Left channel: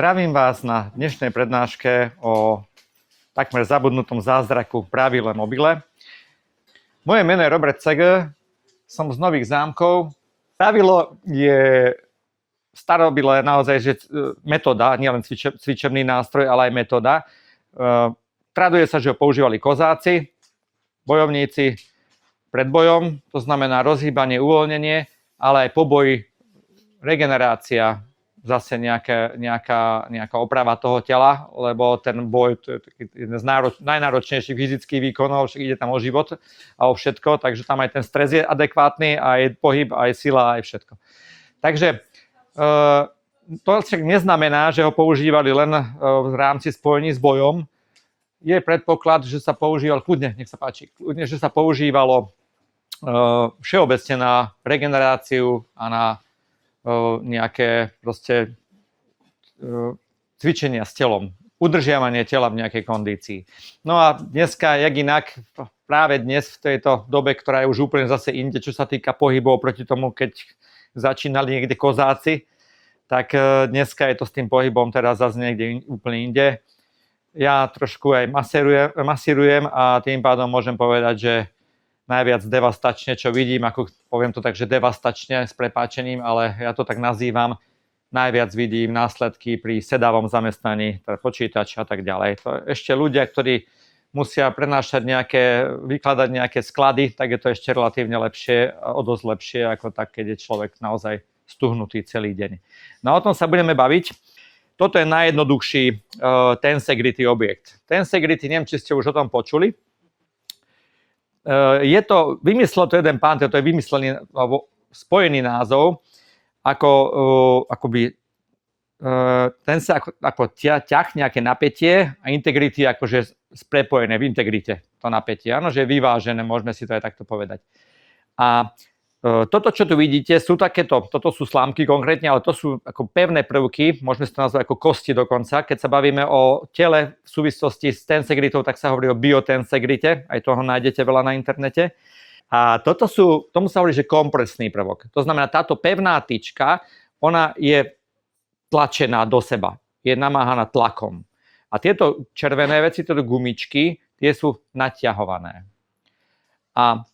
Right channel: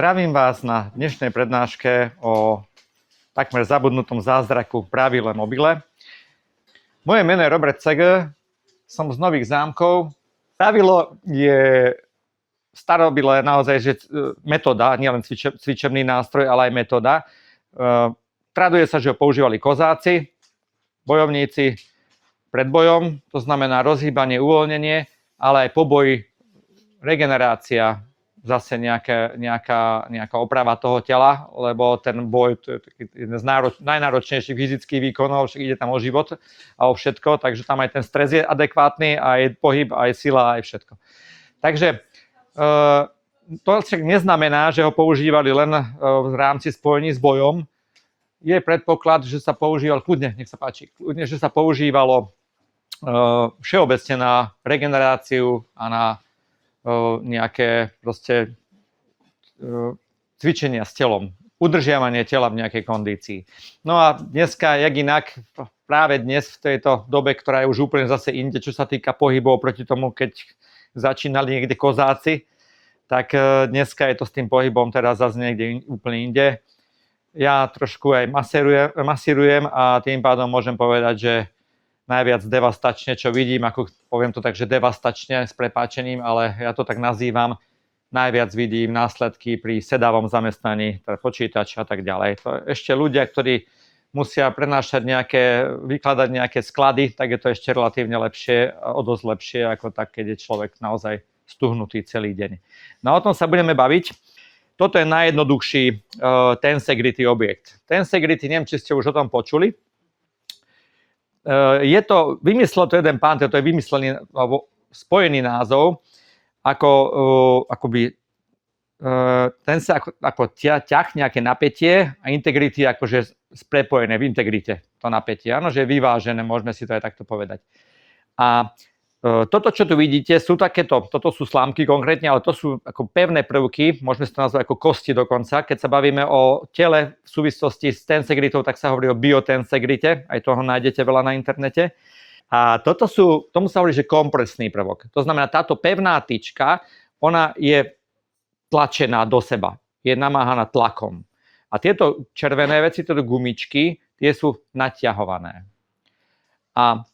Zdravím vás na dnešnej prednáške o takmer zabudnutom zázraku pravile mobile. Moje meno je Robert Cegl, som z Nových Zámkov. Pravilo je starobilé naozaj, že metóda, nielen cvičebný nástroj, ale aj metóda. Traduje sa, že ho používali kozáci, bojovníci pred bojom, to znamená rozhýbanie, uvoľnenie, ale aj po boji regenerácia, zase nejaká oprava toho tela, lebo ten boj to je jeden z najnáročnejších fyzických výkonov, však ide tam o život a o všetko, takže tam aj ten stres je adekvátny, aj pohyb, aj sila, aj všetko. Takže to však neznamená, že ho používali len v rámci spojení s bojom. Je predpoklad, že sa používal kľudne, nech sa páči, kľudne, že sa používalo všeobecne na regeneráciu a na nejaké proste cvičenia s telom, udržiavanie tela v nejakej kondícii. No a dneska, jak inak, práve dnes v tejto dobe, ktorá je už úplne zase inde, čo sa týka pohybov proti tomu, keď začínali niekde kozáci, tak dneska je to s tým pohybom teraz zase niekde úplne inde. Ja trošku aj masírujem a tým pádom môžem povedať, že najviac devastačne, čo vidím, ako poviem to tak, že devastačne s prepáčením, ale ja to tak nazývam, najviac vidím následky pri sedavom zamestnaní, počítač a tak ďalej. To ešte ľudia, ktorí musia vykladať nejaké sklady, tak je to ešte relatívne lepšie, o dosť lepšie, ako tak, keď je človek naozaj stuhnutý celý deň. No o tom sa budeme baviť. Toto je najjednoduchší tensegrity objekt. Tensegrity, neviem, či ste už o tom počuli. Vymyslel to jeden pán, to je vymyslený alebo spojený názov, akoby ten sa ako ťah, nejaké napätie a integrity akože prepojené v integrite to napätie. Áno, že je vyvážené, môžeme si to aj takto povedať. A toto, čo tu vidíte, toto sú slámky konkrétne, ale to sú ako pevné prvky, môžeme si to nazvať ako kosti dokonca. Keď sa bavíme o tele v súvislosti s tensegritou, tak sa hovorí o biotensegrite, aj toho nájdete veľa na internete. A tomu sa hovorí, že kompresný prvok. To znamená, táto pevná tyčka, ona je tlačená do seba, je namáhaná tlakom. A tieto červené veci, tieto gumičky, tie sú naťahované. A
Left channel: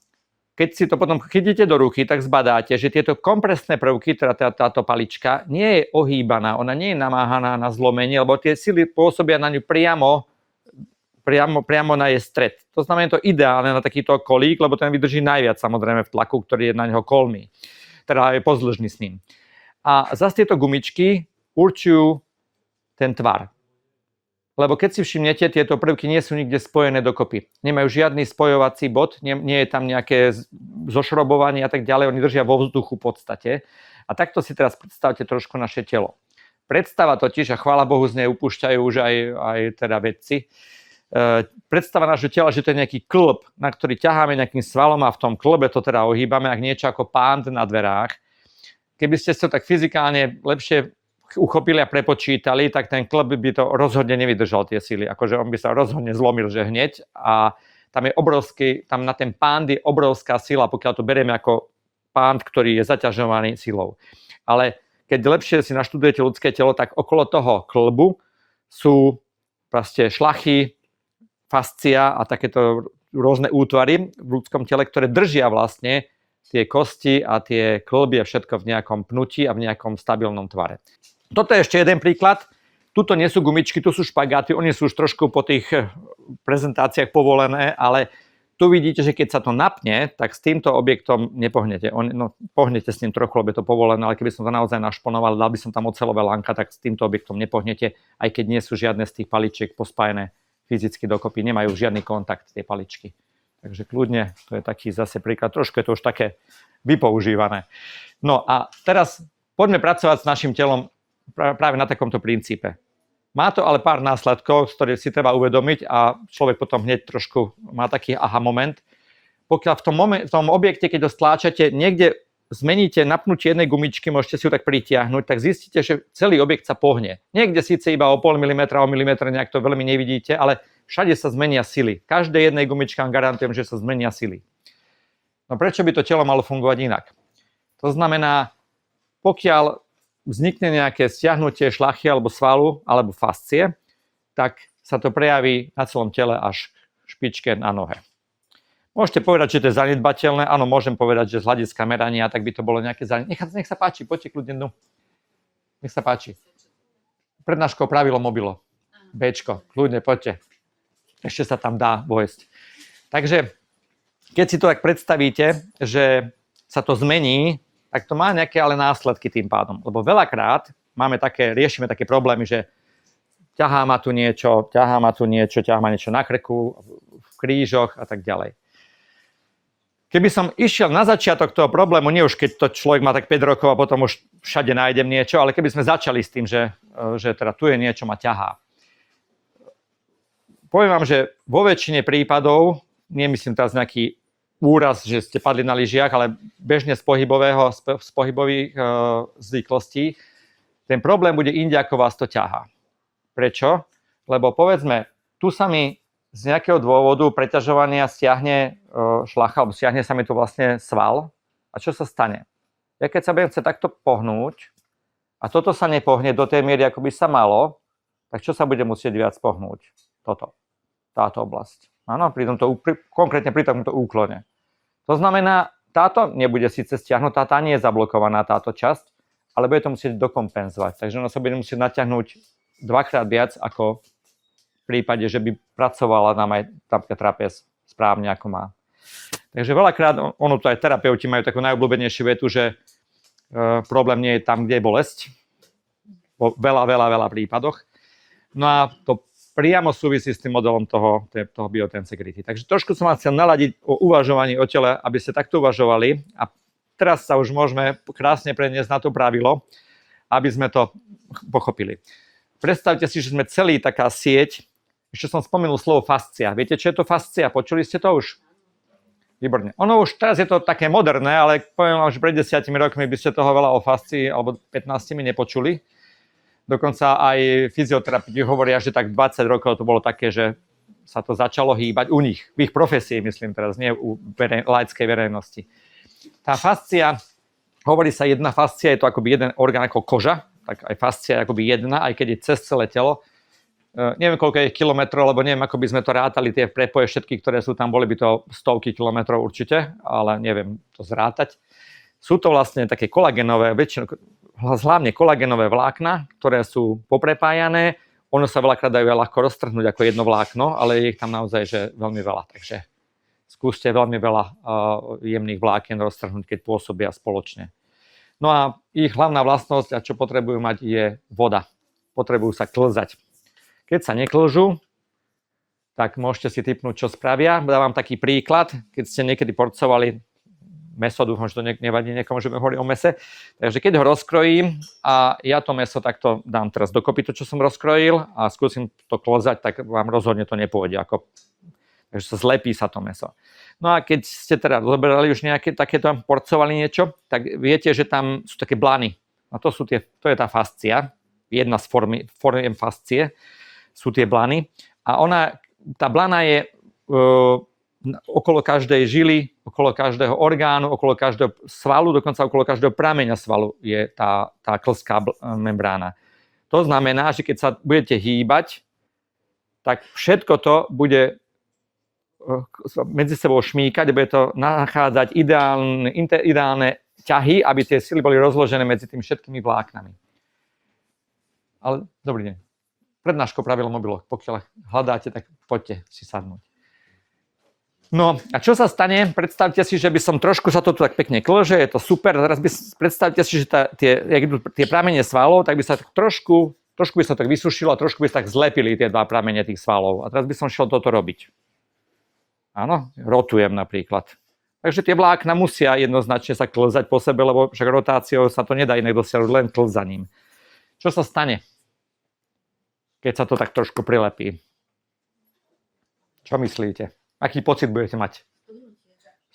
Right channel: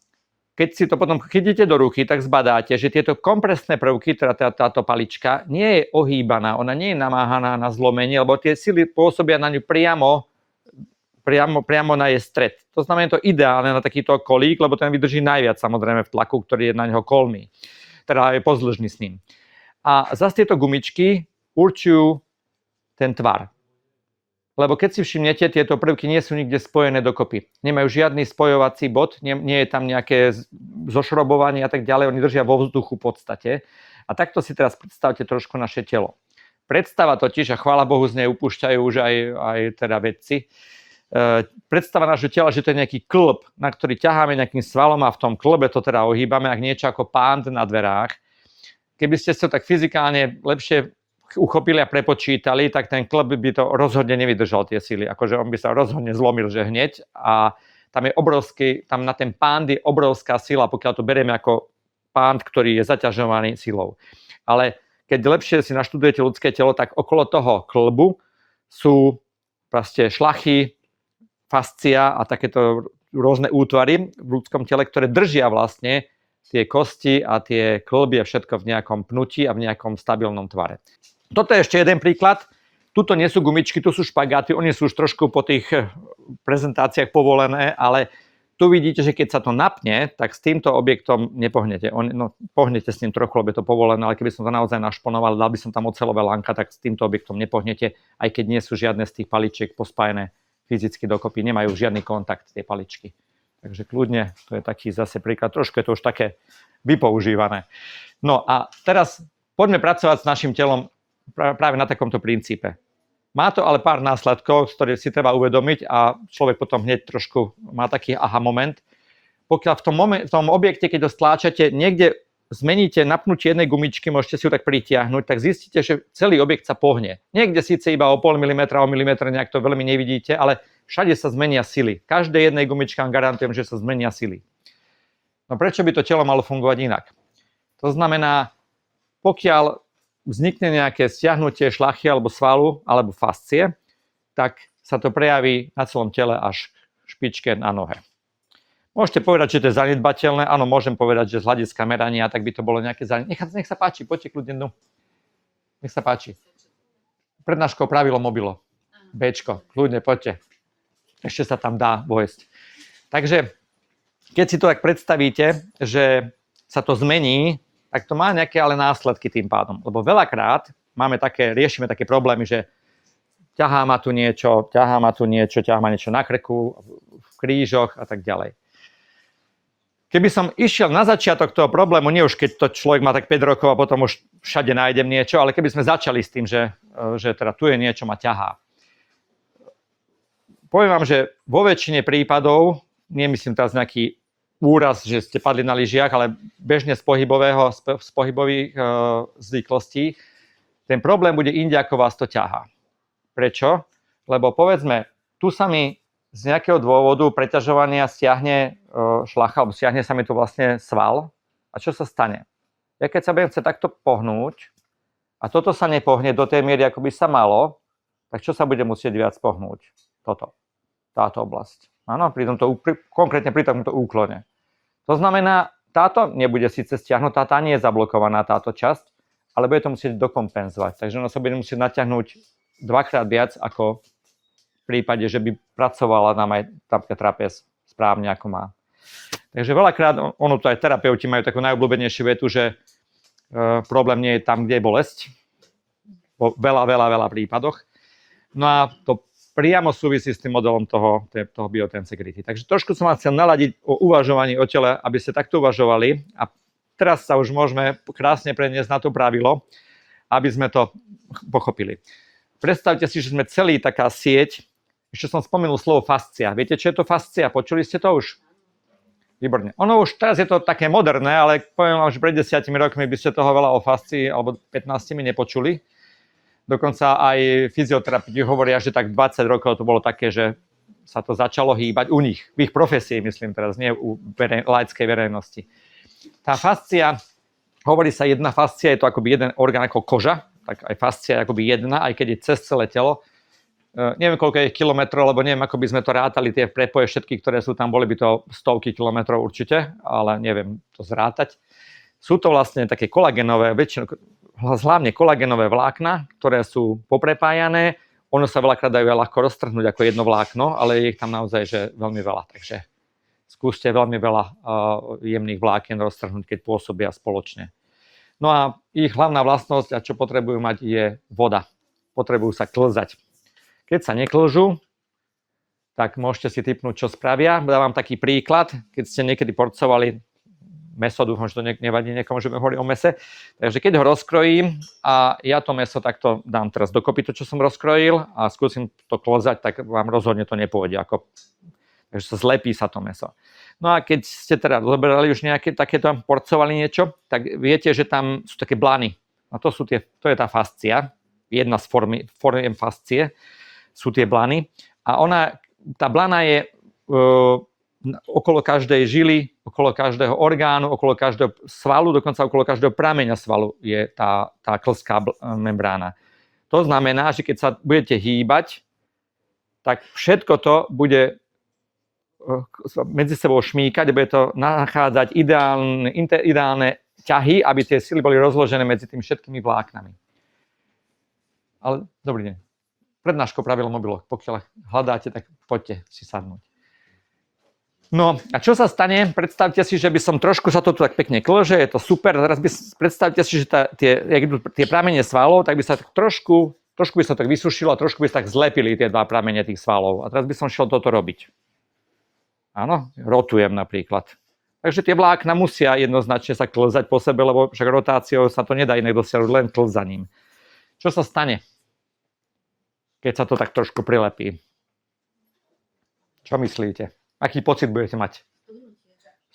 keď si to potom chytíte do ruky, tak zbadáte, že tieto kompresné prvky, teda táto palička, nie je ohýbaná, ona nie je namáhaná na zlomenie, lebo tie sily pôsobia na ňu priamo na jej stred. To znamená, to ideálne na takýto kolík, lebo ten vydrží najviac samozrejme v tlaku, ktorý je na neho kolmý. Teda je pozdĺžný s ním. A zase tieto gumičky určujú ten tvar. Lebo keď si všimnete, tieto prvky nie sú nikde spojené dokopy. Nemajú žiadny spojovací bod, nie je tam nejaké zošrobovanie a tak ďalej, oni držia vo vzduchu v podstate. A takto si teraz predstavte trošku naše telo. Predstava totiž, a chvála Bohu z nej upúšťajú už aj teda vedci, predstava nášho tela, že to je nejaký klb, na ktorý ťaháme nejakým svalom a v tom klbe to teda ohýbame, ak niečo ako pánt na dverách. Keby ste sa tak fyzikálne lepšie uchopili a prepočítali, tak ten klb by to rozhodne nevydržal tie sily. Akože on by sa rozhodne zlomil, že hneď. A tam na ten pánt je obrovská sila, pokiaľ to berieme ako pánt, ktorý je zaťažovaný silou. Ale keď lepšie si naštudujete ľudské telo, tak okolo toho klbu sú proste šlachy, fascia a takéto rôzne útvary v ľudskom tele, ktoré držia vlastne tie kosti a tie klby a všetko v nejakom pnutí a v nejakom stabilnom tvare. Toto je ešte jeden príklad. Tuto nie sú gumičky, tu sú špagáty. Oni sú už trošku po tých prezentáciách povolené, ale tu vidíte, že keď sa to napne, tak s týmto objektom nepohnete. Pohnete s ním trochu, lebo je to povolené, ale keby som to naozaj našponoval, dal by som tam oceľové lánka, tak s týmto objektom nepohnete, aj keď nie sú žiadne z tých paličiek pospájené fyzicky dokopy. Nemajú žiadny kontakt tie paličky. Takže kľudne, to je taký zase príklad. Trošku je to už také vypoužívané. No a teraz poďme pracovať s našim telom práve na takomto princípe. Má to ale pár následkov, z ktorých si treba uvedomiť a človek potom hneď trošku má taký aha moment. Pokiaľ v tom objekte, keď ho stláčate, niekde zmeníte napnutie jednej gumičky, môžete si ju tak pritiahnuť, tak zistíte, že celý objekt sa pohne. Niekde síce iba o 0,5 mm, o milimetre, nejak to veľmi nevidíte, ale všade sa zmenia sily. Každej jednej gumičke vám garantujem, že sa zmenia sily. No prečo by to telo malo fungovať inak? To znamená, pokiaľ vznikne nejaké stiahnutie šlachy alebo svalu alebo fascie, tak sa to prejaví na celom tele až špičke na nohe. Môžete povedať, že to je zanedbateľné. Áno, môžem povedať, že z hľadiska merania, tak by to bolo nejaké zanedbateľné. Nech sa páči, poďte kľudne dnu. Nech sa páči. Prednáškou pravilo mobilo. Bčko, kľudne, poďte. Ešte sa tam dá vojsť. Takže, keď si to tak predstavíte, že sa to zmení, tak to má nejaké ale následky tým pádom. Lebo veľakrát riešime také problémy, že ťahá ma tu niečo, ťahá ma niečo na krku, v krížoch a tak ďalej. Keby som išiel na začiatok toho problému, nie už keď to človek má tak 5 rokov a potom už všade nájdem niečo, ale keby sme začali s tým, že teda tu je niečo, ma ťahá. Poviem vám, že vo väčšine prípadov, nemyslím teraz nejaký úraz, že ste padli na lyžiach, ale bežne z pohybových zvyklostí, ten problém bude inde, ako vás to ťahá. Prečo? Lebo povedzme, tu sa mi z nejakého dôvodu preťažovania stiahne šlacha, alebo stiahne sa mi tu vlastne sval. A čo sa stane? Ja keď sa budem chcieť takto pohnúť a toto sa nepohne do tej miery, ako by sa malo, tak čo sa bude musieť viac pohnúť? Táto oblasť. Áno, konkrétne pri tomto úklone. To znamená, táto nebude síce stiahnutá, tá nie je zablokovaná táto časť, ale bude to musieť dokompenzovať. Takže ono sa bude musieť natiahnuť dvakrát viac ako v prípade, že by pracovala nám aj napríklad trapez správne, ako má. Takže veľakrát, ono to aj terapeuti majú takú najobľúbenejšiu vetu, že problém nie je tam, kde je bolesť. Vo veľa prípadoch. No a to priamo súvisí s tým modelom toho biotensegrity. Takže trošku som vás chcel naladiť o uvažovaní o tele, aby ste takto uvažovali. A teraz sa už môžeme krásne preniesť na to pravilo, aby sme to pochopili. Predstavte si, že sme celý taká sieť. Ešte som spomenul slovo fascia. Viete, čo je to fascia? Počuli ste to už? Výborne. Ono už teraz je to také moderné, ale poviem vám, že pred 10 rokmi by ste toho veľa o fascii alebo 15 nepočuli. Dokonca aj fyzioterapeuti hovoria, že tak 20 rokov to bolo také, že sa to začalo hýbať u nich, v ich profesii, myslím teraz, nie u laickej verejnosti. Tá fascia, hovorí sa jedna fascia, je to akoby jeden orgán ako koža, tak aj fascia je akoby jedna, aj keď je cez celé telo. Neviem, koľko je kilometrov, lebo neviem, ako by sme to rátali, tie prepoje všetky, ktoré sú tam, boli by to stovky kilometrov určite, ale neviem to zrátať. Sú to vlastne také kolagénové, hlavne kolagénové vlákna, ktoré sú poprepájané. Ono sa veľakrát dajú ľahko roztrhnúť ako jedno vlákno, ale je ich tam naozaj že veľmi veľa. Takže skúste veľmi veľa jemných vlákien roztrhnúť, keď pôsobia spoločne. No a ich hlavná vlastnosť, a čo potrebujú mať, je voda. Potrebujú sa klzať. Keď sa neklžú, tak môžete si tipnúť, čo spravia. Dávam taký príklad, keď ste niekedy porcovali mäso, dúfam, že to nevadí niekomu, že hovorí o mäse. Takže keď ho rozkrojím a ja to mäso takto dám teraz dokopy, to, čo som rozkrojil, a skúsim to klzať, tak vám rozhodne to nepôjde. Takže sa zlepí sa to mäso. No a keď ste teda zoberali už nejaké takéto, porcovali niečo, tak viete, že tam sú také blany. A to je tá fascia. Jedna z foriem fascie sú tie blany. A tá blana je okolo každej žily, okolo každého orgánu, okolo každého svalu, dokonca okolo každého prameňa svalu je tá klzká membrána. To znamená, že keď sa budete hýbať, tak všetko to bude medzi sebou šmíkať, bude to nachádzať ideálne ťahy, aby tie sily boli rozložené medzi tými všetkými vláknami. Ale dobrý deň. Prednáškou pravilo mobiloch. Pokiaľ hľadáte, tak poďte si sadnúť. No a čo sa stane? Predstavte si, že by som trošku sa to tu tak pekne klže, je to super. Teraz predstavte si, že tie pramene svalov, tak by sa tak trošku by sa tak vysušilo a trošku by sa tak zlepili tie dva pramene tých svalov. A teraz by som šiel toto robiť. Áno, rotujem napríklad. Takže tie vlákna musia jednoznačne sa klzať po sebe, lebo však rotáciou sa to nedá inak dosiahnuť, len klzaním. Čo sa stane, keď sa to tak trošku prilepí? Čo myslíte? Aký pocit budete mať?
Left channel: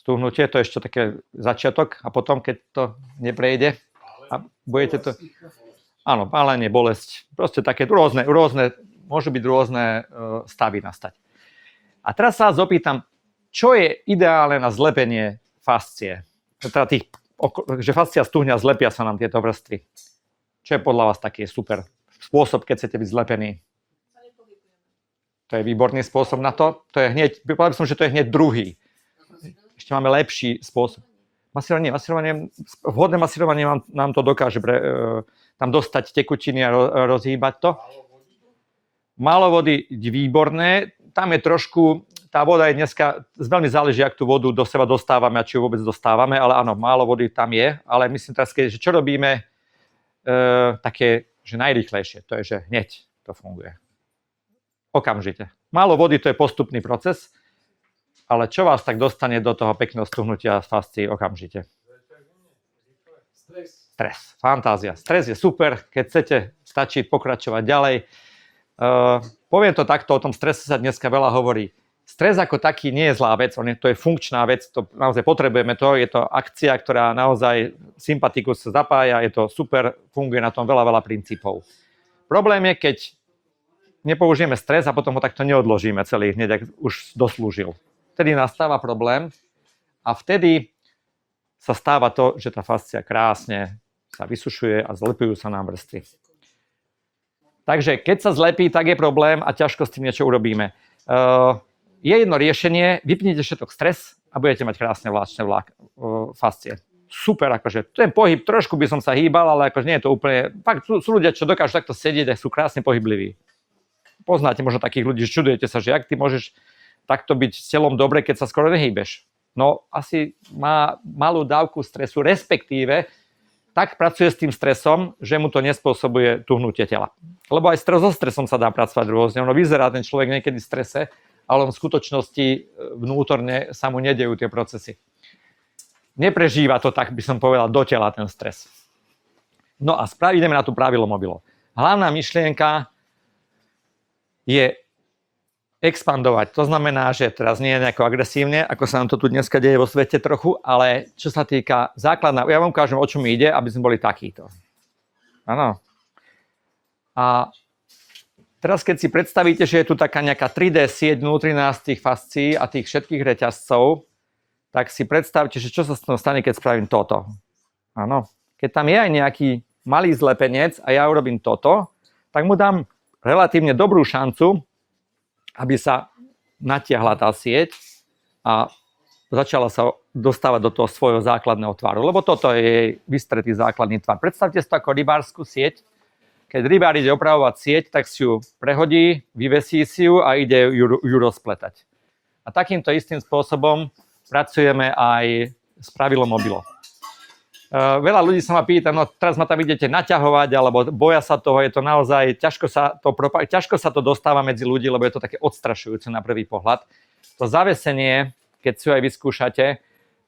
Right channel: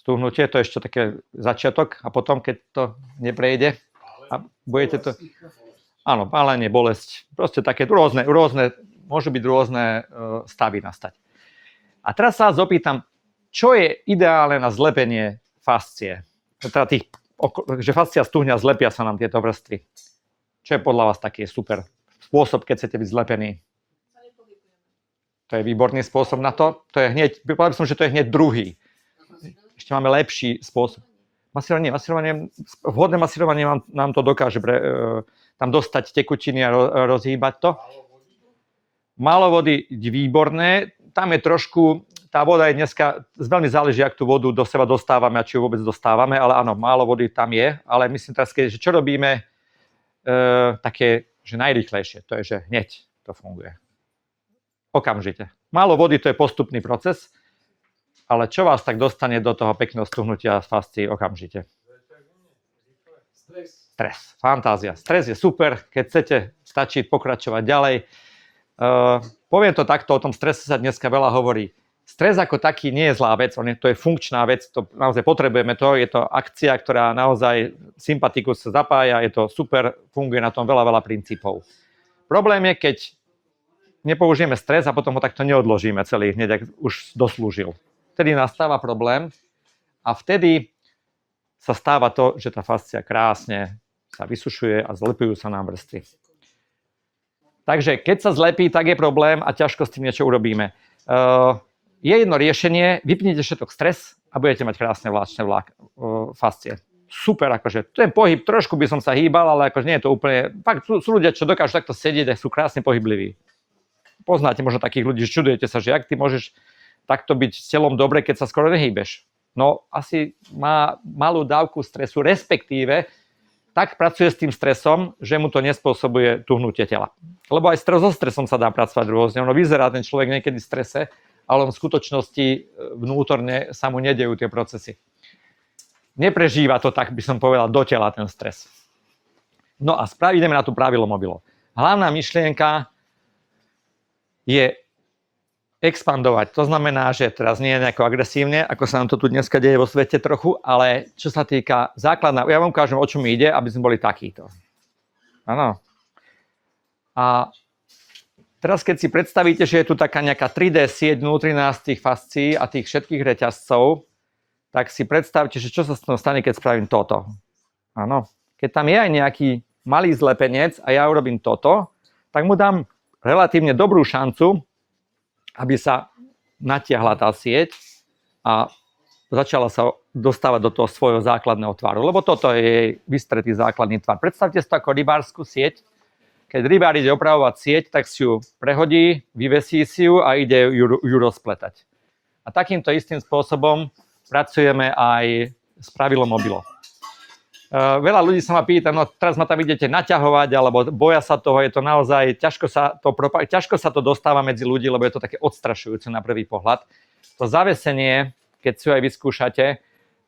Stúhnutie, to je ešte také začiatok a potom, keď to neprejde a budete to... Áno, pálenie, bolesť, proste také rôzne, môžu byť rôzne stavy nastať. A teraz sa vás opýtam, čo je ideálne na zlepenie fascie? Teda že fascia stúhne a zlepia sa nám tieto vrstvy. Čo je podľa vás taký super spôsob, keď chcete byť zlepení? To je výborný spôsob na to. To je hneď, povedal som, že to je hneď druhý. Ešte máme lepší spôsob. Vhodné masírovanie nám to dokáže tam dostať tekutiny a rozhýbať to. Málo vody, výborné. Tam je trošku, tá voda je dneska, veľmi záleží, ak tú vodu do seba dostávame a či ju vôbec dostávame, ale áno, málo vody tam je. Ale myslím teraz, že čo robíme také, že najrýchlejšie, to je, že hneď to funguje. Okamžite. Málo vody, to je postupný proces, ale čo vás tak dostane do toho pekného stuhnutia fascií okamžite? Stres. Fantázia. Stres je super, keď chcete, stačí pokračovať ďalej. Poviem to takto, o tom strese sa dneska veľa hovorí. Stres ako taký nie je zlá vec, to je funkčná vec, to naozaj potrebujeme to, je to akcia, ktorá naozaj sympatikus sa zapája, je to super, funguje na tom veľa princípov. Problém je, keď nepoužijeme stres a potom ho takto neodložíme celý hneď, ak už doslúžil. Vtedy nastáva problém a vtedy sa stáva to, že tá fascia krásne sa vysušuje a zlepujú sa nám vrstvy. Takže keď sa zlepí, tak je problém a ťažko s tým niečo urobíme. Je jedno riešenie, vypnite všetok stres a budete mať krásne vláčne fascie. Super, akože ten pohyb, trošku by som sa hýbal, ale akože nie je to úplne... Fakt sú ľudia, čo dokážu takto sedieť a sú krásne pohybliví. Poznáte možno takých ľudí, že čudujete sa, že ak ty môžeš takto byť s telom dobre, keď sa skoro nehýbeš. No asi má malú dávku stresu, respektíve tak pracuje s tým stresom, že mu to nespôsobuje tuhnutie tela. Lebo aj so stresom sa dá pracovať rôzne. Ono vyzerá ten človek niekedy v strese, ale v skutočnosti vnútorne sa mu nedejú tie procesy. Neprežíva to, tak by som povedal, do tela ten stres. No a ideme na tú pravilo mobilo. Hlavná myšlienka je expandovať. To znamená, že teraz nie je nejako agresívne, ako sa nám to tu dneska deje vo svete trochu, ale čo sa týka základná, ja vám ukážem, o čo mi ide, aby sme boli takíto. Áno. A teraz, keď si predstavíte, že je tu taká nejaká 3D sieť vnútri nás tých fascií a tých všetkých reťazcov, tak si predstavte, že čo sa stane, keď spravím toto. Áno. Keď tam je aj nejaký malý zlepenec a ja urobím toto, tak mu dám relatívne dobrú šancu, aby sa natiahla tá sieť a začala sa dostávať do toho svojho základného tvaru. Lebo toto je jej vystretý základný tvar. Predstavte si to ako rybárskú sieť. Keď rybár ide opravovať sieť, tak si ju prehodí, vyvesí si ju a ide ju rozpletať. A takýmto istým spôsobom pracujeme aj s pravidlom mobilo. Veľa ľudí sa ma pýta, no teraz ma tam idete naťahovať, alebo boja sa toho, je to naozaj, ťažko sa to dostáva medzi ľudí, lebo je to také odstrašujúce na prvý pohľad. To zavesenie, keď si ho aj vyskúšate,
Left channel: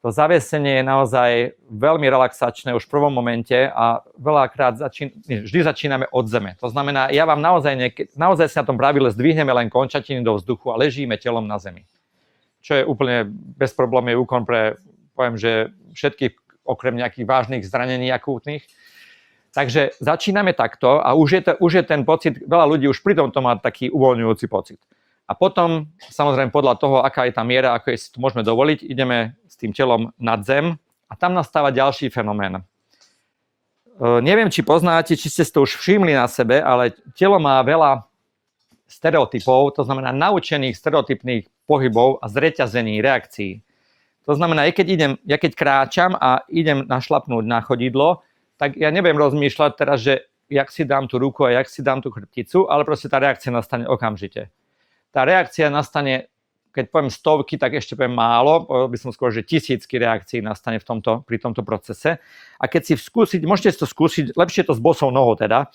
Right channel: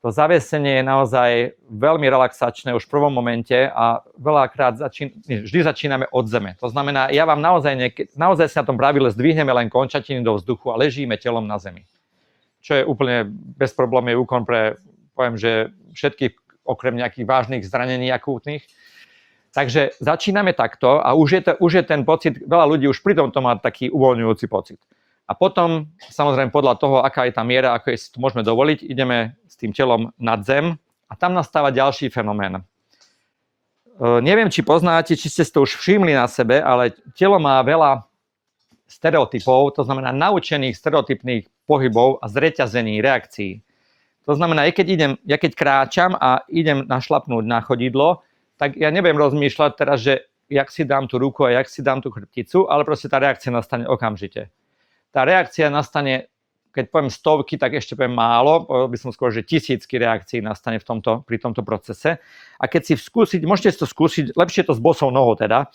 to zavesenie je naozaj veľmi relaxačné už v prvom momente a veľakrát vždy začíname od zeme. To znamená, ja vám naozaj si na tom pravile zdvihneme len končatiny do vzduchu a ležíme telom na zemi. Čo je úplne bezproblémový úkon pre, poviem, že všetkých okrem nejakých vážnych zranení akútnych. Takže začíname takto a už je ten pocit, veľa ľudí už pri tomto má taký uvoľňujúci pocit. A potom, samozrejme podľa toho, aká je tá miera, ako si to môžeme dovoliť, ideme s tým telom nad zem a tam nastáva ďalší fenomén. Neviem, či poznáte, či ste si to už všimli na sebe, ale telo má veľa stereotypov, to znamená naučených stereotypných pohybov a zreťazení, reakcií. To znamená, ja keď kráčam a idem našlapnúť na chodidlo, tak ja neviem rozmýšľať teraz, že jak si dám tú ruku a jak si dám tú chrbticu, ale proste tá reakcia nastane okamžite. Tá reakcia nastane, keď poviem stovky, tak ešte poviem málo, by som skôr, že tisícky reakcií nastane pri tomto procese. A keď si môžete si to skúsiť, lepšie to s bosou nohou teda,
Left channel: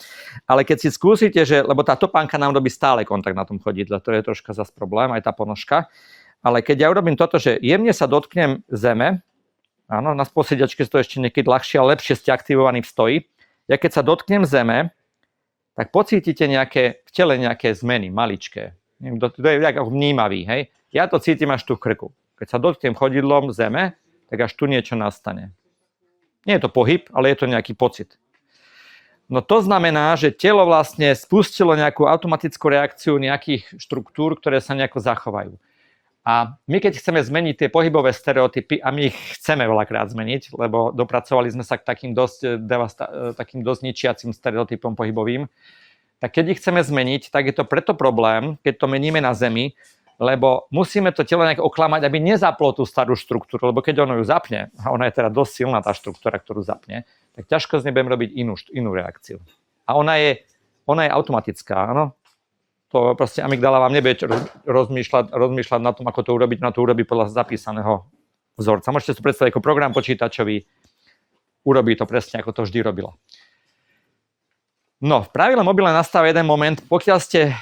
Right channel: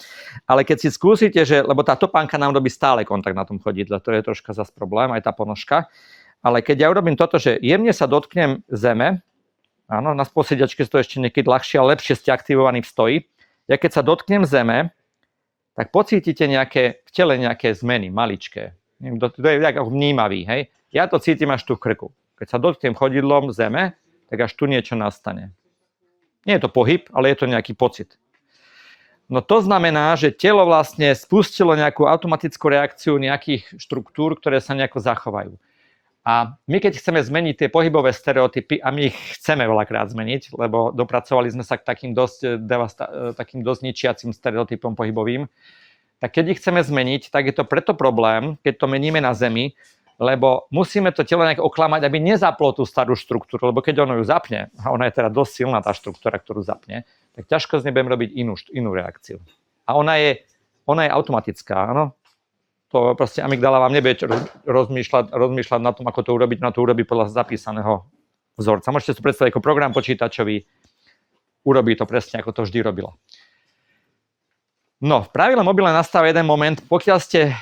ale keď si skúsite, lebo tá topánka nám robí stále kontakt na tom chodidle, to je troška zas problém, aj tá ponožka. Ale keď ja urobím toto, že jemne sa dotknem zeme, áno, na posediačke to ešte niekedy ľahšie, ale lepšie ste aktivovaní v stoji. Ja keď sa dotknem zeme, tak pocítite v tele nejaké zmeny, maličké. To je ako vnímavý, hej. Ja to cítim až tu v krku. Keď sa dotknem chodidlom zeme, tak až tu niečo nastane. Nie je to pohyb, ale je to nejaký pocit. No to znamená, že telo vlastne spustilo nejakú automatickú reakciu nejakých štruktúr, ktoré sa nejako zachovajú. A my keď chceme zmeniť tie pohybové stereotypy, a my ich chceme veľakrát zmeniť, lebo dopracovali sme sa k takým dosť ničiacim stereotypom pohybovým, tak keď ich chceme zmeniť, tak je to preto problém, keď to meníme na Zemi, lebo musíme to telo nejak oklamať, aby nezaplo tú starú štruktúru, lebo keď ono ju zapne, a ona je teda dosť silná tá štruktúra, ktorú zapne, tak ťažko z nej budem robiť inú reakciu. A ona je automatická, áno. To proste amygdala vám nebude rozmýšľať na tom, ako to urobiť, na to urobí podľa zapísaného vzorca. Môžete si predstaviť ako program počítačový, urobí to presne, ako to vždy robilo. No, v pravidle mobile nastáva jeden moment, pokiaľ ste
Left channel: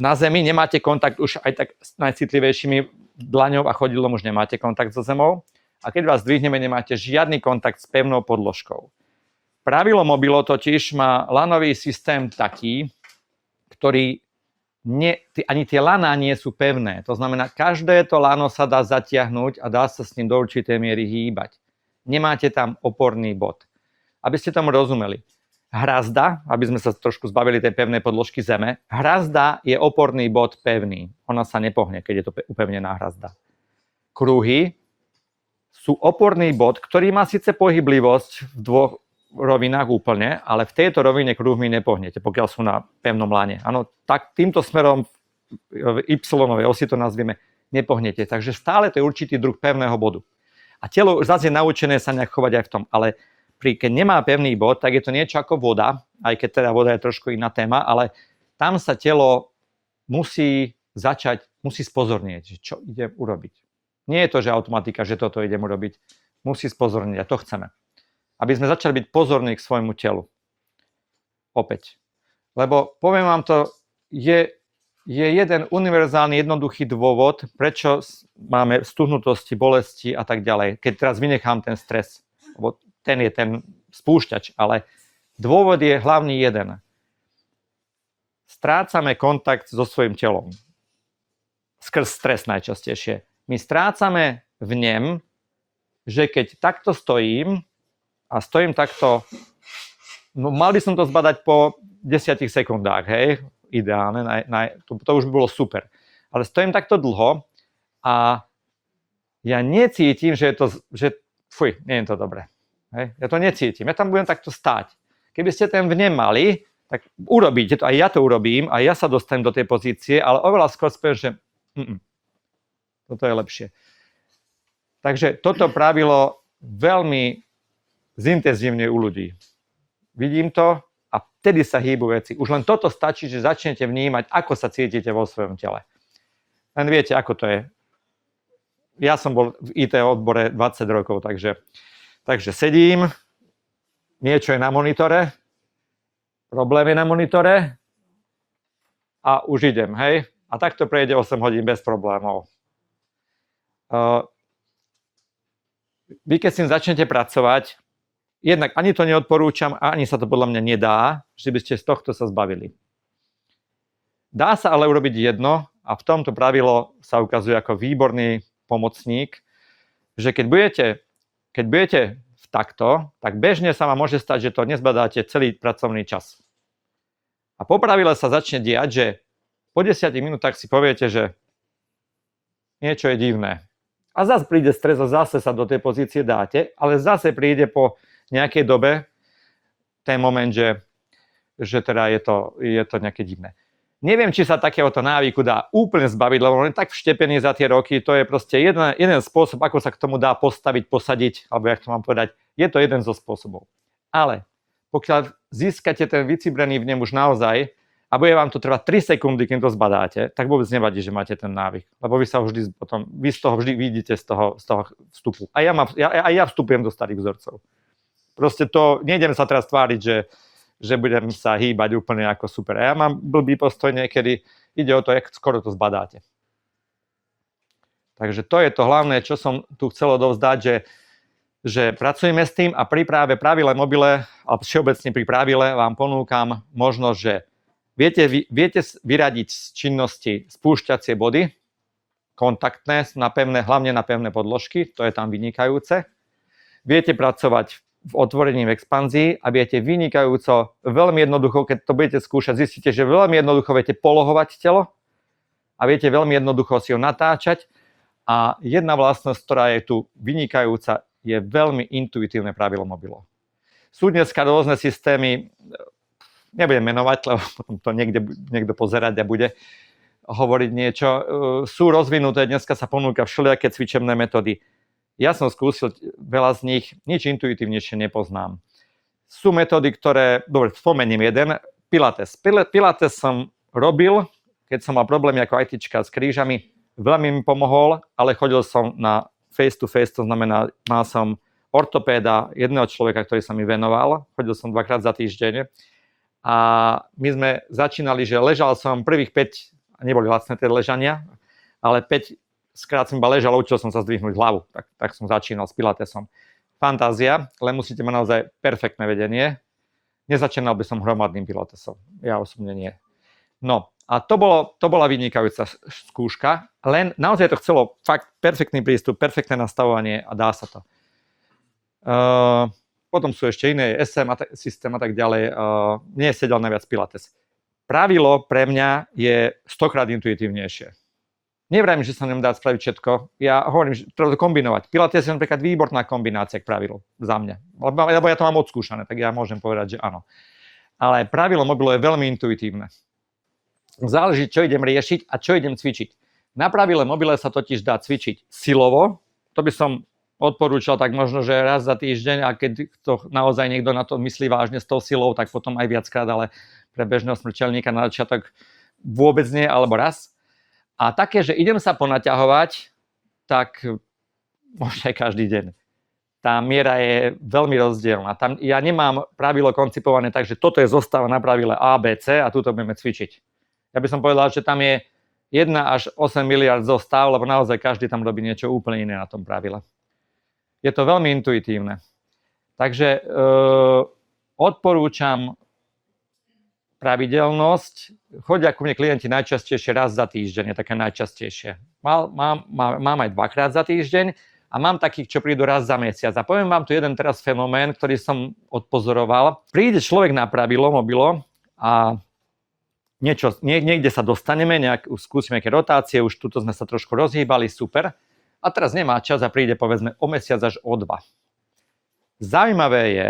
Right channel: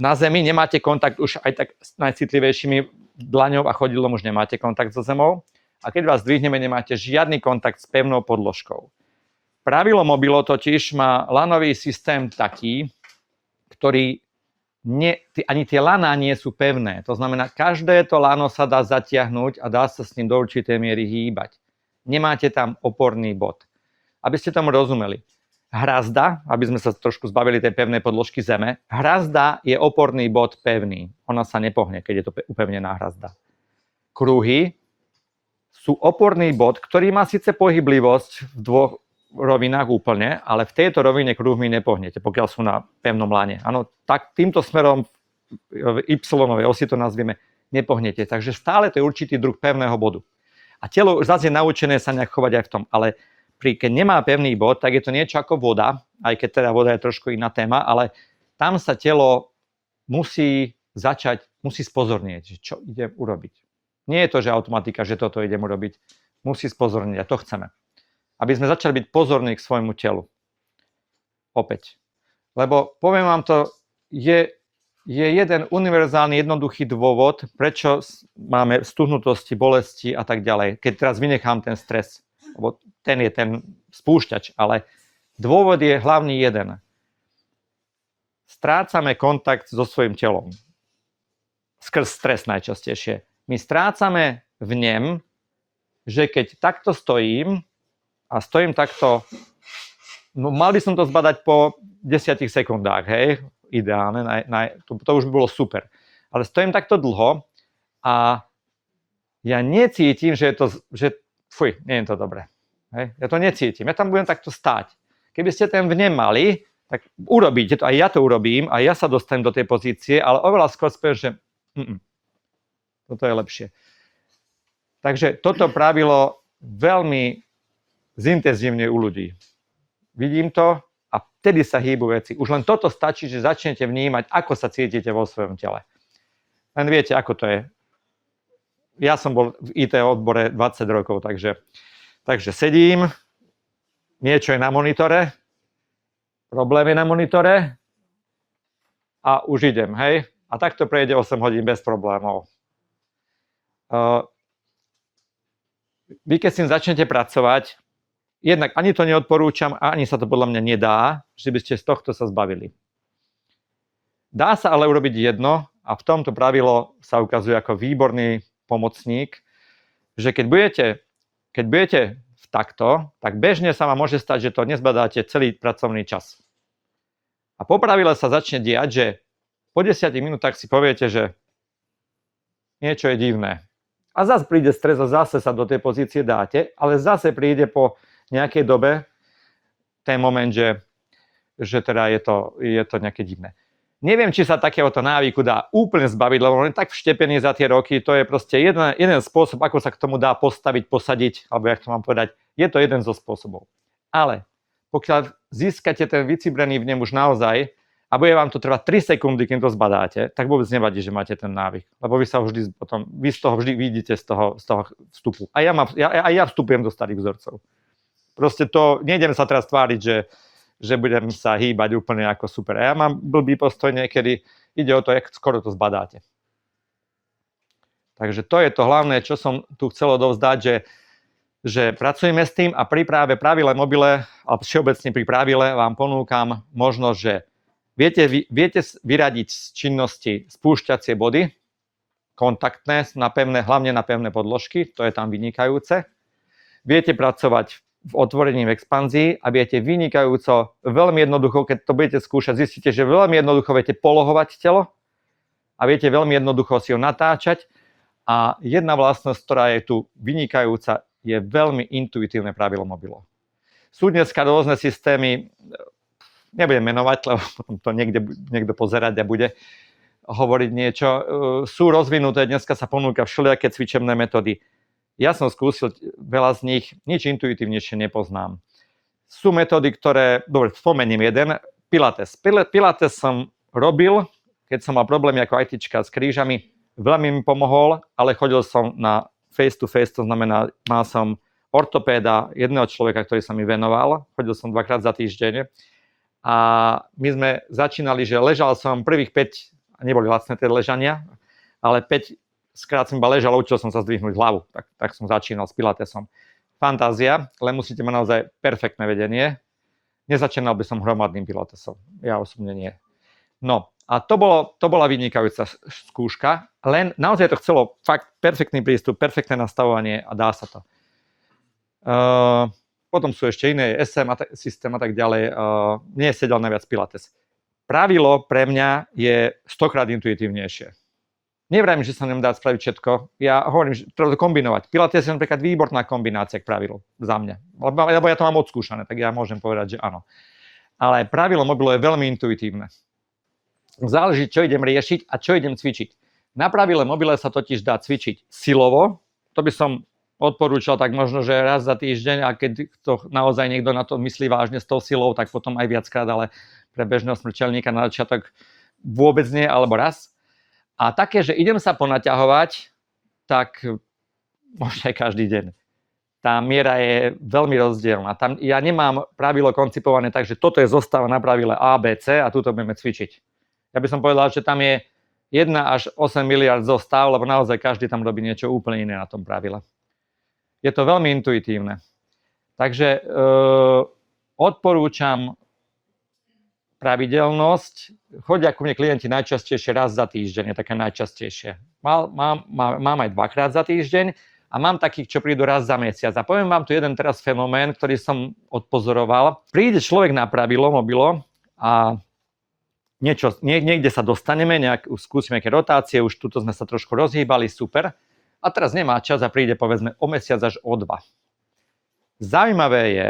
na Zemi, nemáte kontakt už aj tak s najcitlivejšími dlaňou a chodidlom, už nemáte kontakt so zemou. A keď vás dvihneme, nemáte žiadny kontakt s pevnou podložkou. Pravidlo mobilo totiž má lanový systém taký, ktorý ani tie laná nie sú pevné. To znamená, každé to lano sa dá zatiahnuť a dá sa s ním do určitej miery hýbať. Nemáte tam oporný bod. Aby ste tomu rozumeli. Hrazda, aby sme sa trošku zbavili tej pevnej podložky zeme, hrazda je oporný bod pevný. Ona sa nepohne, keď je to upevnená hrazda. Kruhy sú oporný bod, ktorý má síce pohyblivosť v dvoch rovinách úplne, ale v tejto rovine kruhmi nepohnete, pokiaľ sú na pevnom lane. Áno, tak týmto smerom v y-ovej osi to nazvieme, nepohnete. Takže stále to je určitý druh pevného bodu. A telo zase je naučené sa nejak chovať aj v tom, ale keď nemá pevný bod, tak je to niečo ako voda, aj keď teda voda je trošku iná téma, ale tam sa telo musí spozornieť, čo ide urobiť. Nie je to, že automatika, že toto idem urobiť. Musí spozornieť a to chceme. Aby sme začali byť pozorní k svojmu telu. Opäť. Lebo poviem vám to, je jeden univerzálny, jednoduchý dôvod, prečo máme stuhnutosti, bolesti a tak ďalej, keď teraz vynechám ten stres. Lebo ten je ten spúšťač, ale dôvod je hlavný jeden. Strácame kontakt so svojím telom. Skrz stres najčastejšie. My strácame v ňom, že keď takto stojím a stojím takto, no mal by som to zbadať po 10 sekundách, hej, ideálne, to už by bolo super. Ale stojím takto dlho a ja necítim, nie je to dobré. Hej, ja to necítim, ja tam budem takto stáť. Keby ste ten vnem mali, tak urobíte to, aj ja to urobím, aj ja sa dostanem do tej pozície, ale oveľa skôr spiem, že toto je lepšie. Takže toto pravilo veľmi zintenzívne u ľudí. Vidím to a vtedy sa hýbu veci. Už len toto stačí, že začnete vnímať, ako sa cítite vo svojom tele. Len viete, ako to je. Ja som bol v IT odbore 20 rokov, takže sedím, niečo je na monitore, problém je na monitore a už idem, hej? A takto prejde 8 hodín bez problémov. Vy keď s tým začnete pracovať, jednak ani to neodporúčam, ani sa to podľa mňa nedá, že by ste z tohto sa zbavili. Dá sa ale urobiť jedno a v tomto pravilo sa ukazuje ako výborný pomocník, že keď budete v takto, tak bežne sa vám môže stať, že to nezbadáte celý pracovný čas. A po pravile sa začne diať, že po 10 minútach si poviete, že niečo je divné. A zase príde stres a zase sa do tej pozície dáte, ale zase príde po nejakej dobe ten moment, že teda je to nejaké divné. Neviem, či sa takéhoto návyku dá úplne zbaviť, lebo on je tak vštepený za tie roky, to je proste jeden spôsob, ako sa k tomu dá postaviť, posadiť, alebo jak to mám povedať, je to jeden zo spôsobov. Ale pokiaľ získate ten vycibrený vnem už naozaj a bude vám to trvať 3 sekundy, kým to zbadáte, tak vôbec nevadí, že máte ten návyk, lebo vy z toho vždy vidíte z toho vstupu. A ja vstupujem do starých vzorcov. Proste to, nejdem sa teraz tváriť, že budem sa hýbať úplne ako super. A ja mám blbý postoj niekedy, ide o to, jak skoro to zbadáte. Takže to je to hlavné, čo som tu chcel odovzdať, že pracujeme s tým a pri práve pravile mobile, a všeobecne pri pravile vám ponúkam možnosť, že viete vyradiť z činnosti spúšťacie body, kontaktné, hlavne na pevné podložky, to je tam vynikajúce. Viete pracovať v otvorení, v expanzii a viete vynikajúco, veľmi jednoducho, keď to budete skúšať, zistíte, že veľmi jednoducho viete polohovať telo a viete veľmi jednoducho si ho natáčať A jedna vlastnosť, ktorá je tu vynikajúca, je veľmi intuitívne pravilo mobilo. Sú dneska rôzne systémy, nebudem menovať, lebo potom to niekto pozerať a bude hovoriť niečo. Sú rozvinuté, dneska sa ponúka všelijaké cvičebné metódy. Ja som skúsil veľa z nich, nič intuitívnejšie nepoznám. Sú metódy, ktoré, dobre, spomením jeden, Pilates. Pilates som robil, keď som mal problémy ako ITčka s krížami, veľmi mi pomohol, ale chodil som na face to face, to znamená, mal som ortopéda, jedného človeka, ktorý sa mi venoval, chodil som 2-krát za týždeň a my sme začínali, že ležal som prvých 5, neboli lacné tie ležania, ale 5 skrát som iba ležal, učil som sa zdvihnúť hlavu, tak som začínal s Pilatesom. Fantázia, ale musíte mať naozaj perfektné vedenie. Nezačínal by som hromadným Pilatesom, ja osobne nie. No, a to bola vynikajúca skúška, len naozaj to chcelo fakt perfektný prístup, perfektné nastavovanie a dá sa to. Potom sú ešte iné SM systém a tak ďalej. Mne sedel najviac Pilates. Pravilo pre mňa je 100-krát intuitívnejšie. Nevrajím, že sa nám dá spraviť všetko. Ja hovorím, že treba to kombinovať. Pilates je napríklad výborná kombinácia k pravilu za mňa. Lebo ja to mám odskúšané, tak ja môžem povedať, že áno. Ale pravilo mobilo je veľmi intuitívne. Záleží, čo idem riešiť a čo idem cvičiť. Na pravile mobile sa totiž dá cvičiť silovo. To by som odporúčal tak možno, že raz za týždeň a keď to naozaj niekto na to myslí vážne s tou silou, tak potom aj viackrát, ale pre bežného smrteľníka na začiatok vôbec nie, alebo raz. A také, že idem sa ponaťahovať, tak možno aj každý deň. Tá miera je veľmi rozdielna. Tam ja nemám pravilo koncipované tak, že toto je zostava na pravile A, B, C a tuto budeme cvičiť. Ja by som povedal, že tam je 1 až 8 miliard zostav, lebo naozaj každý tam robí niečo úplne iné na tom pravile. Je to veľmi intuitívne. Takže odporúčam pravidelnosť. Chodia ku mne klienti najčastejšie raz za týždeň, je také najčastejšie. Mám aj 2-krát za týždeň a mám takých, čo prídu raz za mesiac. A poviem vám tu jeden teraz fenomén, ktorý som odpozoroval. Príde človek na pravilo mobilo a niekde sa dostaneme, skúsime nejaké rotácie, už tuto sme sa trošku rozhýbali, super. A teraz nemá čas a príde povedzme o mesiac až o 2. Zaujímavé je,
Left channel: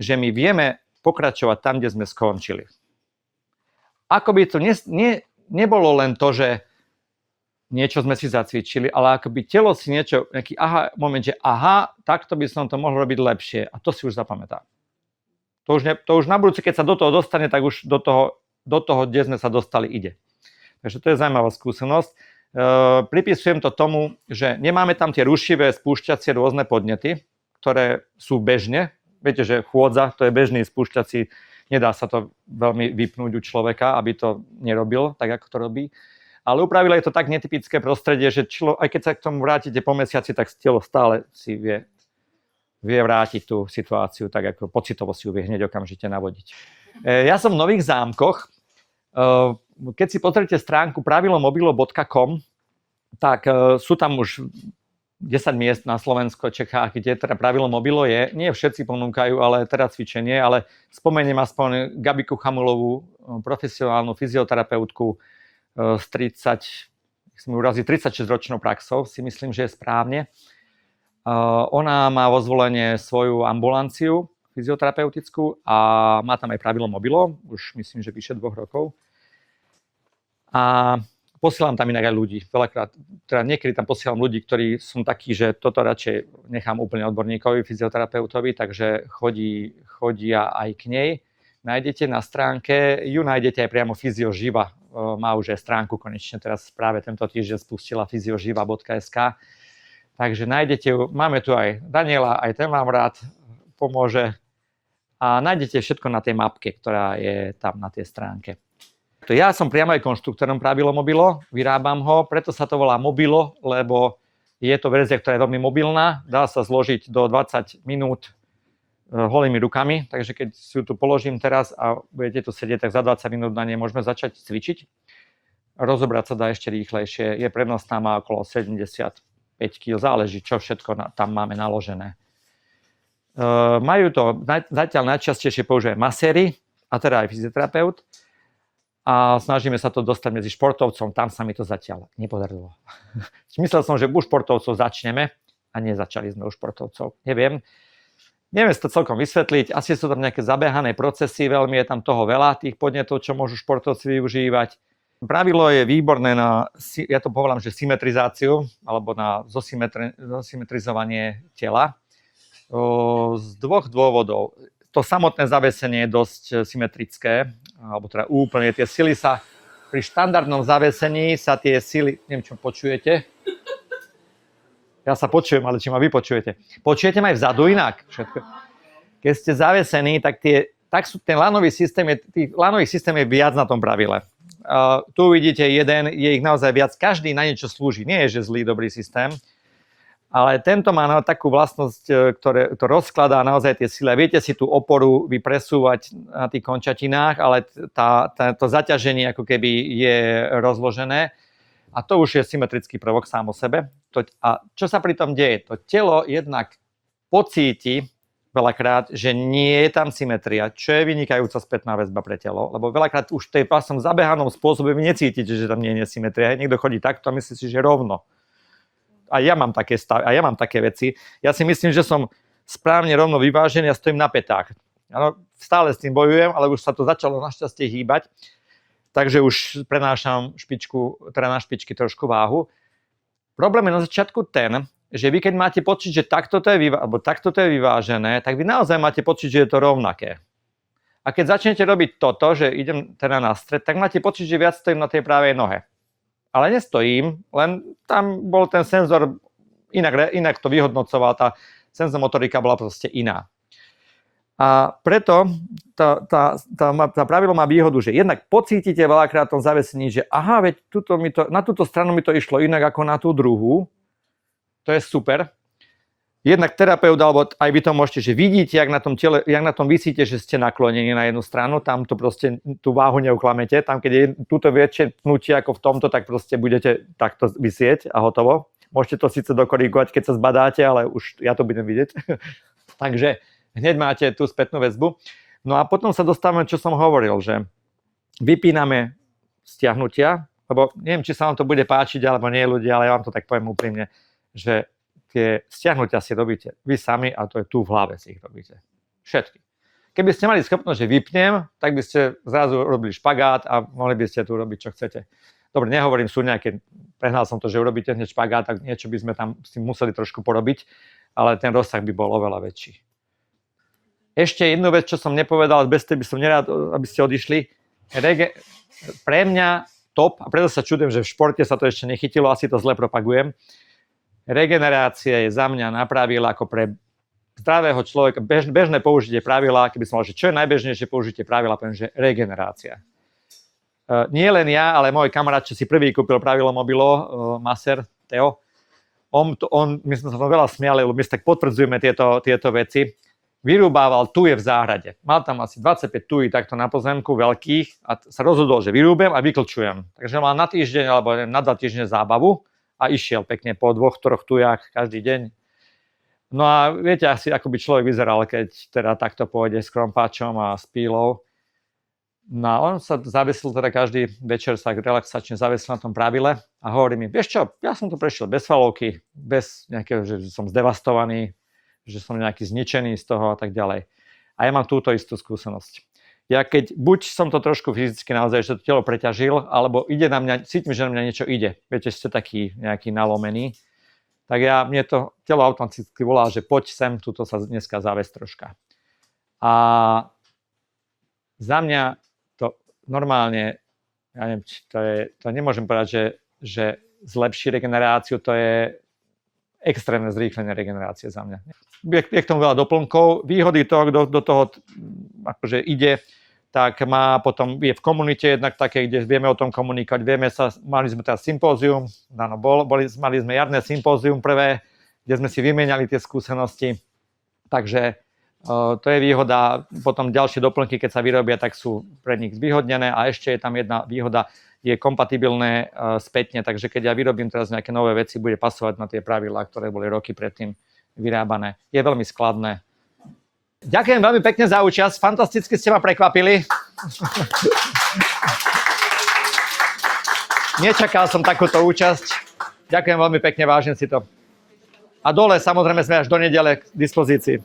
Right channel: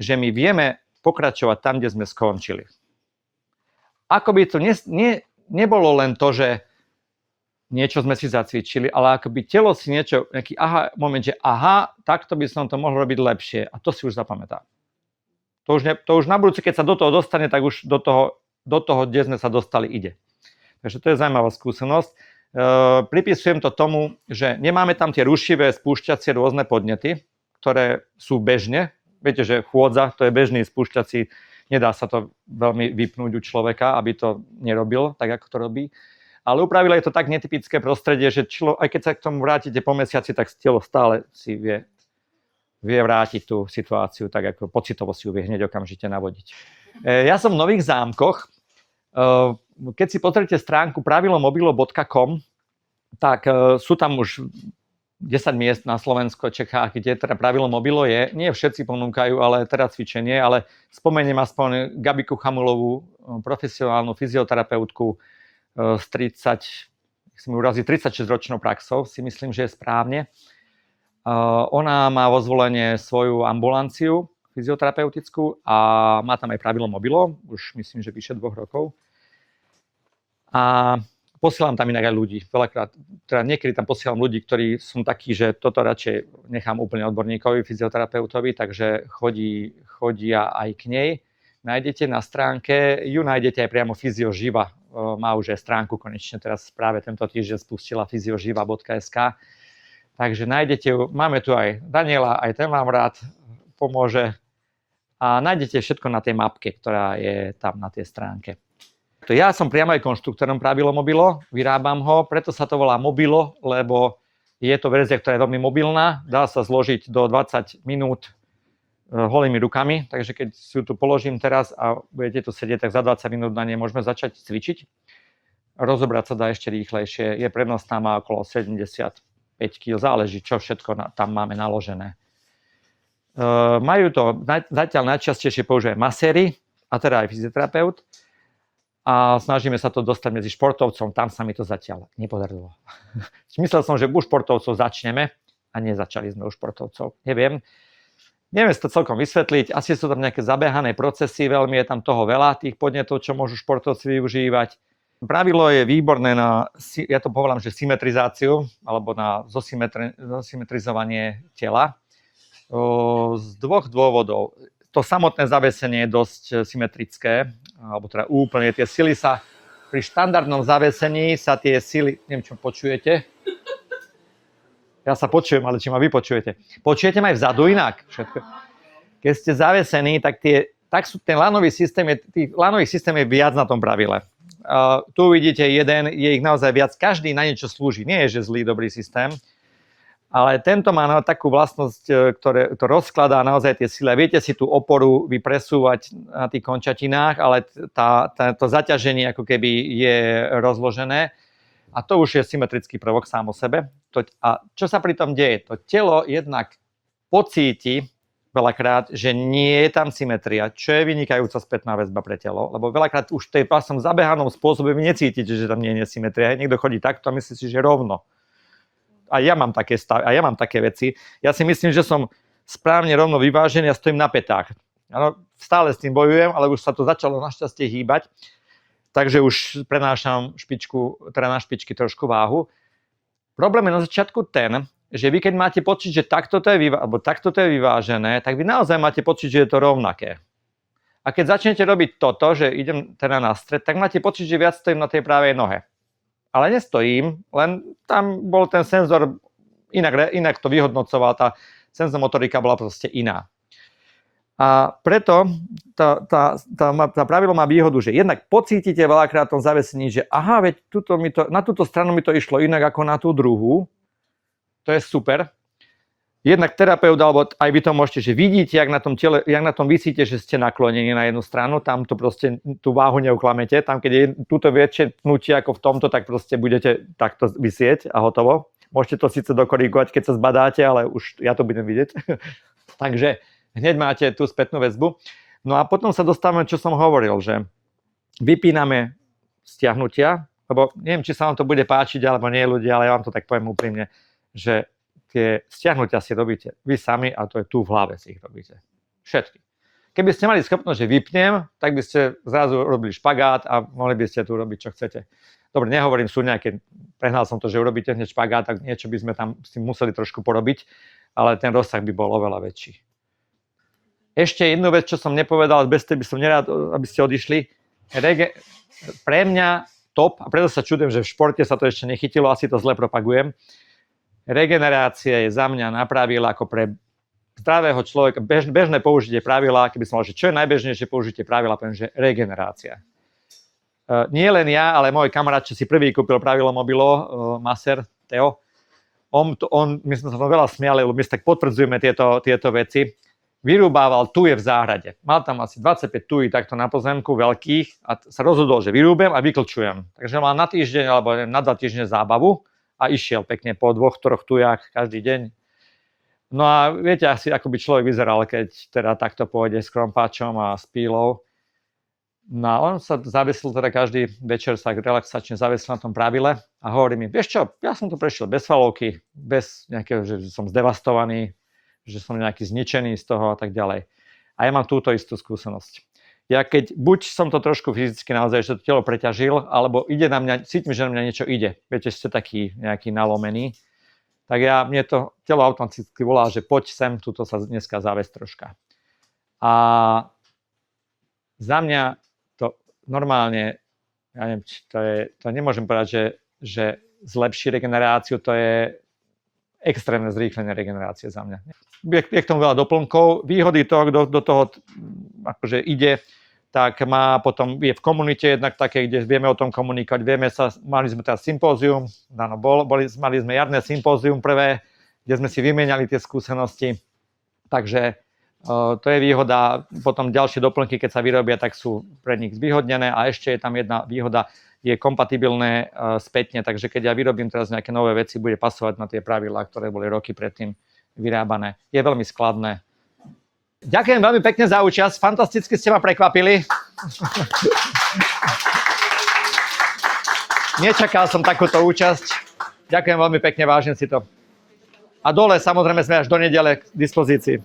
že my vieme pokračovať tam, kde sme skončili. Ako by to nebolo len to, že niečo sme si zacvičili, ale ako by telo si nejaký moment, že takto by som to mohol robiť lepšie. A to si už zapamätá. To už na budúce, keď sa do toho dostane, tak už do toho, kde sme sa dostali, ide. Takže to je zaujímavá skúsenosť. Pripisujem to tomu, že nemáme tam tie rušivé, spúšťacie rôzne podnety, ktoré sú bežne. Viete, že chôdza, to je bežný spúšťací, nedá sa to veľmi vypnúť u človeka, aby to nerobil tak, ako to robí. Ale u pravila je to tak netypické prostredie, že aj keď sa k tomu vrátite po mesiaci, tak telo stále si vie vrátiť tú situáciu, tak ako pocitovo si ju vie hneď okamžite navodiť. Ja som v Nových Zámkoch. Keď si pozrite stránku pravilomobilo.com, tak sú tam už 10 miest na Slovensku, Čechách, kde teda pravilo mobilo je. Nie všetci ponúkajú, ale teda cvičenie, ale spomeniem aspoň Gabiku Chamulovú, profesionálnu fyzioterapeutku s 36-ročnou praxou, si myslím, že je správne. Ona má vo zvolenie svoju ambulanciu fyzioterapeutickú a má tam aj pravilo mobilo, už myslím, že vyše 2 rokov. A posielam tam inak aj ľudí. Veľakrát, teda niekedy tam posielam ľudí, ktorí sú takí, že toto radšej nechám úplne odborníkovi, fyzioterapeutovi, takže chodia aj k nej. Nájdete na stránke, ju nájdete aj priamo Fyzioživa. Má už aj stránku konečne, teraz práve tento týždeň spustila fyzioživa.sk. Takže nájdete ju, máme tu aj Daniela, aj ten vám rád pomôže. A nájdete všetko na tej mapke, ktorá je tam na tej stránke. Ja som priamo aj konštruktorom pravilo mobilo, vyrábam ho, preto sa to volá mobilo, lebo je to verzia, ktorá je veľmi mobilná, dá sa zložiť do 20 minút holými rukami, takže keď si tu položím teraz a budete tu sedieť, tak za 20 minút na nej môžeme začať cvičiť. Rozobrať sa dá ešte rýchlejšie, je prenosná, má okolo 75 kg, záleží, čo všetko tam máme naložené. Majú to, zatiaľ najčastejšie používajú maséri, a teda aj fyzioterapeut. a snažíme sa to dostať medzi športovcom. Tam sa mi to zatiaľ nepodarilo. Myslel som, že u športovcov začneme a nezačali sme u športovcov. Neviem si to celkom vysvetliť. Asi sú tam nejaké zabehané procesy, veľmi je tam toho veľa, tých podnetov, čo môžu športovci využívať. Pravidlo je výborné na, ja to povedám, že symetrizáciu, alebo na zosymetrizovanie tela. Z dvoch dôvodov. To samotné zavesenie je dosť symetrické, alebo teda úplne tie sily sa, pri štandardnom zavesení sa tie sily, neviem, čo počujete? Ja sa počujem, ale či ma vy počujete? Počujete ma aj vzadu inak? Keď ste zavesení, tak ten lanový systém, tých lanových systém je viac na tom pravile. Tu vidíte jeden, je ich naozaj viac, každý na niečo slúži. Nie je, že zlý, dobrý systém. Ale tento má takú vlastnosť, ktoré to rozkladá naozaj tie sily. Viete si tú oporu vypresúvať na tých končatinách, ale to zaťaženie ako keby je rozložené. A to už je symetrický prvok sám o sebe. A čo sa pri tom deje? To telo jednak pocíti veľakrát, že nie je tam symetria, čo je vynikajúca spätná väzba pre telo. Lebo veľakrát už v tej pasom zabehanom spôsobe vy necítite, že tam nie je symetria. Niekto chodí takto a myslí si, že rovno. A ja mám také veci. Ja si myslím, že som správne rovno vyvážený a stojím na pätách. Ano, stále s tým bojujem, ale už sa to začalo našťastie hýbať. Takže už prenášam na špičky trošku váhu. Problém je na začiatku ten, že vy keď máte pocit, že takto to je vyvážené, tak vy naozaj máte pocit, že je to rovnaké. A keď začnete robiť toto, že idem teda na stred, tak máte pocit, že viac stojím na tej pravej nohe. Ale nestojím, len tam bol ten senzor, inak to vyhodnocoval, tá senzomotorika bola proste iná. A preto tá pravidlo má výhodu, že jednak pocítite veľakrát v tom zavesení, že aha, veď na túto stranu mi to išlo inak ako na tú druhú. To je super. Jednak terapeut, alebo aj vy to môžete, že vidíte, jak na tom visíte, že ste naklonení na jednu stranu, tam to proste tú váhu neuklamete, tam keď je túto väčšie pnutie ako v tomto, tak proste budete takto visieť a hotovo. Môžete to síce dokorigovať, keď sa zbadáte, ale už ja to budem vidieť. Takže hneď máte tú spätnú väzbu. No a potom sa dostávame, čo som hovoril, že vypíname stiahnutia, lebo neviem, či sa vám to bude páčiť, alebo nie ľudia, ale ja vám to tak poviem úprimne, že tie stiahnutia si robíte vy sami a to je tu v hlave si ich robíte. Všetky. Keby ste mali schopnosť, že vypnem, tak by ste zrazu robili špagát a mohli by ste tu robiť, čo chcete. Dobre, nehovorím, sú nejaké, prehnal som to, že urobíte hneď špagát, tak niečo by sme tam s tým museli trošku porobiť, ale ten rozsah by bol oveľa väčší. Ešte jednu vec, čo som nepovedal, bez tej by som nerád, aby ste odišli. Pre mňa top, a preto sa čudujem, že v športe sa to ešte nechytilo, asi to zle propagujem. Regenerácia je za mňa na pravidlá ako pre zdravého človeka, bežné použitie pravidla, keby som povedal, že čo je najbežnejšie použitie pravidla, poviem, že regenerácia. Nie len ja, ale môj kamarát, čo si prvý kúpil pravidlo mobilo, Maser, Teo, my sme sa to veľa smiali, lebo my tak potvrdzujeme tieto veci, vyrúbával tuje v záhrade. Mal tam asi 25 tují takto na pozemku veľkých a sa rozhodol, že vyrúbem a vyklčujem. Takže mal na týždeň alebo na 2 týždne zábavu a išiel pekne po 2-3 tujách každý deň. No a viete asi, ako by človek vyzeral, keď teda takto pôjde s krompáčom a s pílou. No a on sa zavesil teda každý večer, sa relaxačne zavesil na tom pravile a hovorí mi, vieš čo, ja som to prešiel bez falovky, bez nejakého, že som zdevastovaný, že som nejaký zničený z toho a tak ďalej. A ja mám túto istú skúsenosť. Ja keď buď som to trošku fyzicky naozaj, že to telo preťažil, alebo ide na mňa, cítim, že na mňa niečo ide. Viete, ste taký nejaký nalomený. Tak mne to telo automaticky volá, že poď sem, tuto sa dneska zavesť troška. A za mňa to normálne, ja neviem, to nemôžem povedať, že zlepší regeneráciu, to je extrémne zrýchlenie regenerácie za mňa. Je k tomu veľa doplnkov. Výhody toho, kto do toho akože ide, tak má potom, je v komunite jednak také, kde vieme o tom komunikovať. Mali sme teraz sympózium, mali sme jarné sympózium prvé, kde sme si vymieniali tie skúsenosti. Takže to je výhoda. Potom ďalšie doplnky, keď sa vyrobia, tak sú pre nich zvýhodnené. A ešte je tam jedna výhoda, je kompatibilné spätne, takže keď ja vyrobím teraz nejaké nové veci, bude pasovať na tie pravidlá, ktoré boli roky predtým vyrábané. Je veľmi skladné. Ďakujem veľmi pekne za účasť, fantasticky ste ma prekvapili. Nečakal som takúto účasť. Ďakujem veľmi pekne, vážim si to. A dole samozrejme sme až do nedele k dispozícii.